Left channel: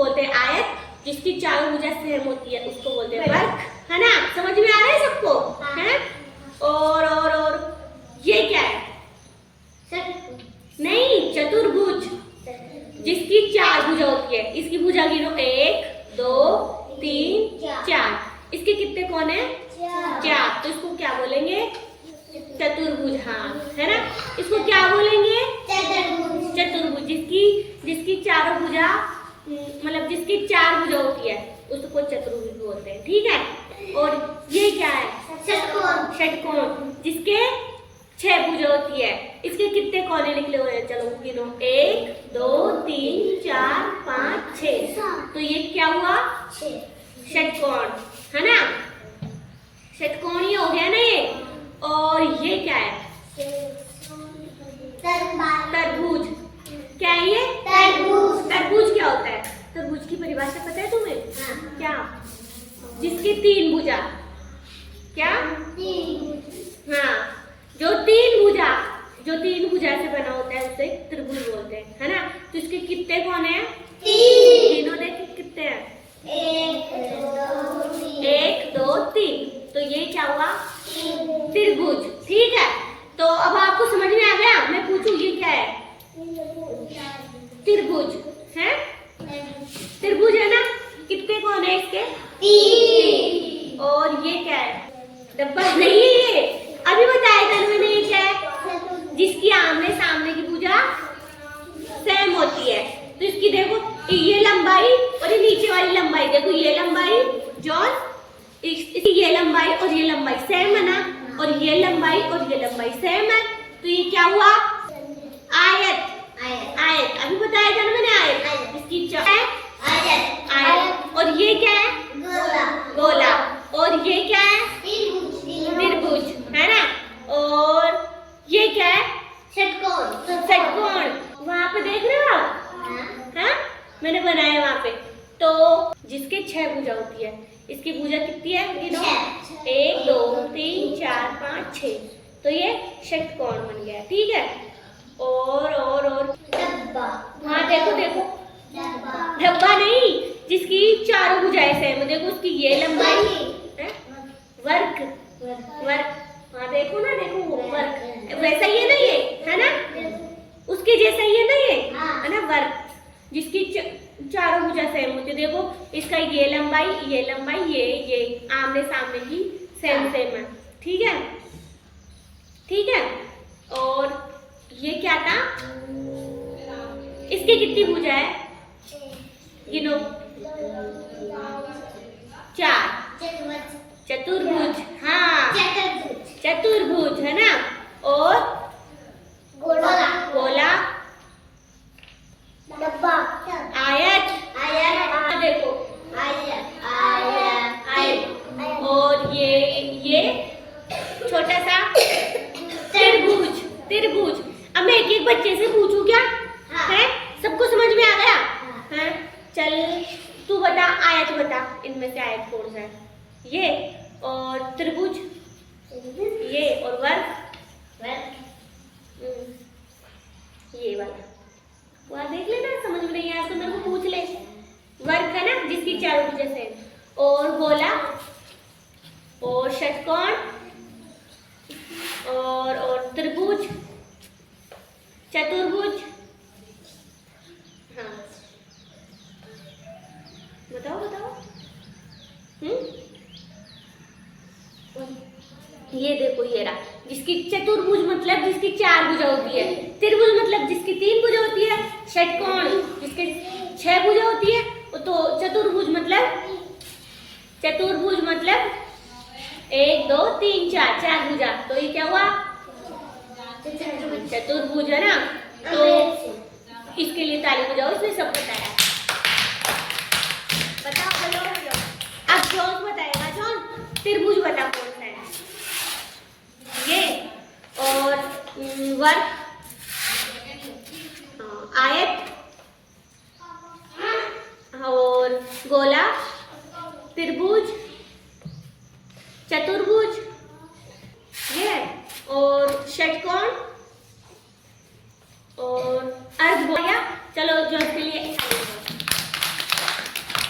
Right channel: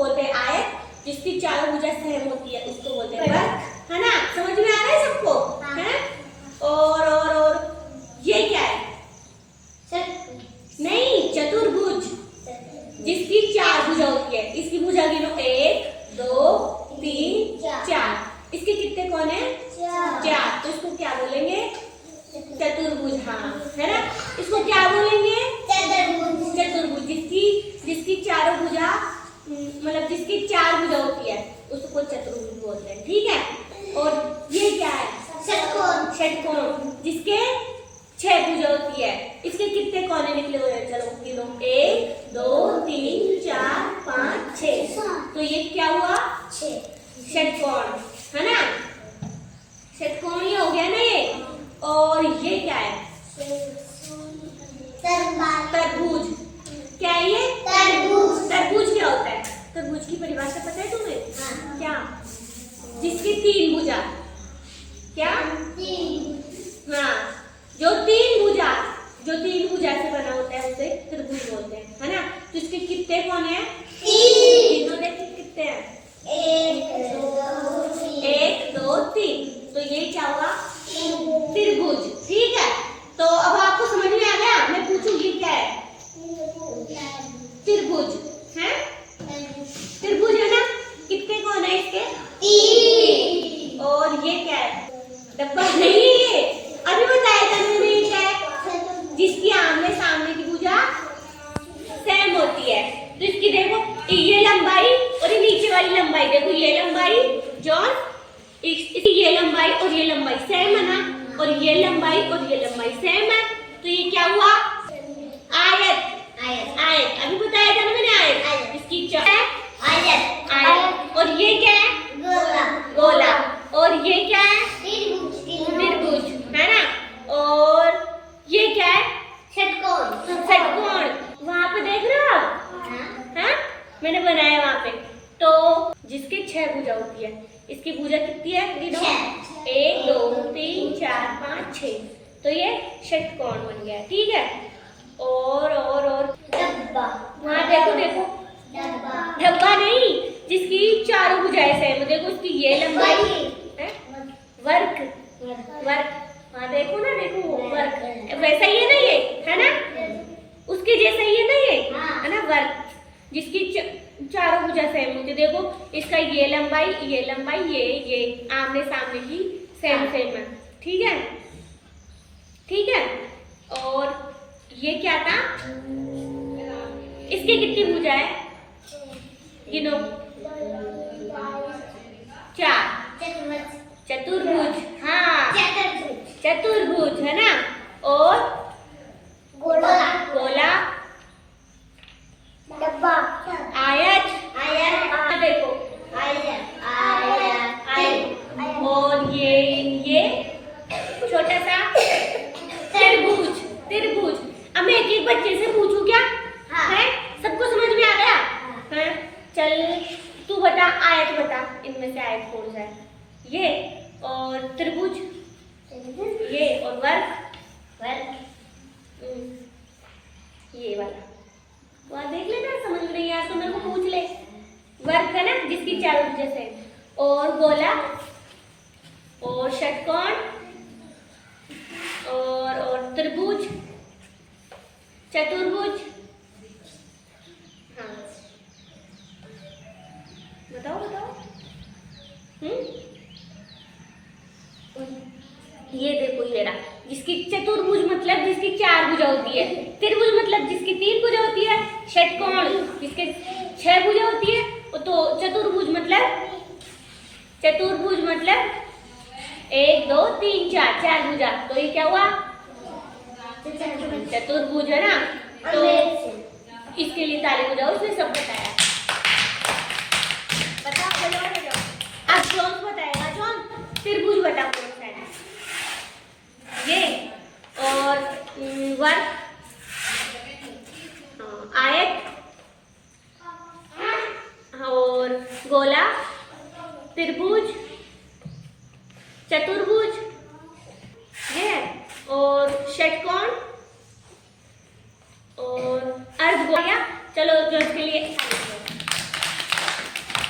बोलते हैं आयत, जिसकी चारों भुजा सेम होती है उसको बोलते हैं वर्ग, है ना? समझ में आ रहा है सबको? है? और ये क्या है? नहीं, चतुर्भुज, जिसकी चार भुजा होती है। इसकी भुजा गिनो, 1 2 3 4। इसके कितने कोण है? 4। तो इसको क्या बोलेंगे? चतुर्भुज। हाँ, है ना? इसको क्या बोलेंगे? चतुर्भुज। जिसकी चारों भुजा, मतलब जिसकी 4 भुजा होती है उसको चतुर्भुज बोलते हैं। ठीक है? और ये क्या है? षटकोण, जिसके 6 भुजा होती है। इसके कितने कोने निकले हुए हैं? चलो गिनो, 1 2 3 4 5 6। तो ये क्या हुआ? षटकोण, है ना? षटकोण ये हो गया ना ये। और ये क्या है? तरबूज। क्या है ये? तरबूज क्या होता है? तरबूज की परिभाषा पता है तुम्हें? क्या? जिसकी 3 भुजा। क्या? हाँ, जो तीन भुजा से बना होता है उसे त्रिभुज बोलते हैं, है ना? तो इसके कितने कोण हैं? 3। तीनों देखिए कितने हैं? 1 2 3। तो ये क्या हुआ? त्रिभुज। ठीक है? तो अब आपको समझ में आ गया? मैं पूछूं ये क्या है? त्रिभुज है? त्रिभुज है ना? कितने कोण है इसके? 3। और ये क्या है? डब्बा नहीं है ये, अभी बताया था मैंने। ये क्या है? जिसकी आमने सामने की भुजा सेम होती है। तो इसकी देखो, ये लंबाई और ये नीचे वाली लंबाई, देखो ये लंबाई जॉन, इसकी ये लंबाई और ये लंबाई सेम है ना? और ये लंबाई और ये लंबाई सेम है। तो ये क्या हुआ? आयत। अभी बताया था ना मैंने, आयत। इसकी आयत। और ये क्या है? गोला। और ये क्या है? त्रिभुज, है ना? और ये क्या है? षटकोण। वहां पे देख रहे हो आप? हाँ, मैंने बनाया वहां पे। तो जिसके 6 भुजा होती है, इसकी भुजा कितनी है? गिनो, 1 2 3 4 5 6। तो ये षटकोण बन गया। ठीक है? और हाँ, देखो धब्बा नहीं, जिसकी चारों भुजाएं सेम। देखो उसकी ये लंबाई है, वर्ग। हाँ देखो ना, देखो वो वर्ग वैसा ही है ना, ये है ना? उसके जैसा ही है ना ये, है ना? वर्ग, जिसकी चारों भुजा सेम होती है। देखो इसका ये लंबाई ये आमने सामने की सेम है। ठीक है? ठीक है? और ये क्या था? इसकी कितनी भुजा है? गिनो, 4। चतुर्भुज। हाँ, चतुर्भुज, है ना? और गोला, डब्बा, आयत। देखो आयत। और ये छोटा सा त्रिभुज। अब मैं एक बच्चे से पूछूं क्या? है? सबको समझ में आ गया? है? चल तू बता, आयत बता, इनमें से आयत कौन सा है? ये और त्रिभुज, ये और वर्ग, ये वाला। वहाँ देख लेना, समझ में नहीं आया तो मेरे को पूछ ले। वर्ग है ना, जिसकी चारों भुजा सेम। और गोला, और षटकोण, और त्रिभुज, चतुर्भुज। हाँ, बताओ। ये देखो, ये रहा। जिसकी चतुर्भुज मतलब जिसकी 4 भुजा होती है। त्रिभुज मतलब जिसकी 3 भुजा होती है। षटकोण जिसके 6 भुजा होती है। तो चतुर्भुज मतलब 1 2 3 4 भुजा। तो ये क्या हुआ? चतुर्भुज, है ना? तो इसके लिए ताली बजाओ, इसने सब बताया। बताओ, बोलो। अब जॉन बताएगा। जॉन, त्रिभुज बता कौन सा है? ये और वर्ग, आयत, और गोला, त्रिभुज, चतुर्भुज, ये और षटकोण और अर्धगोला। चलो जो इसके लिए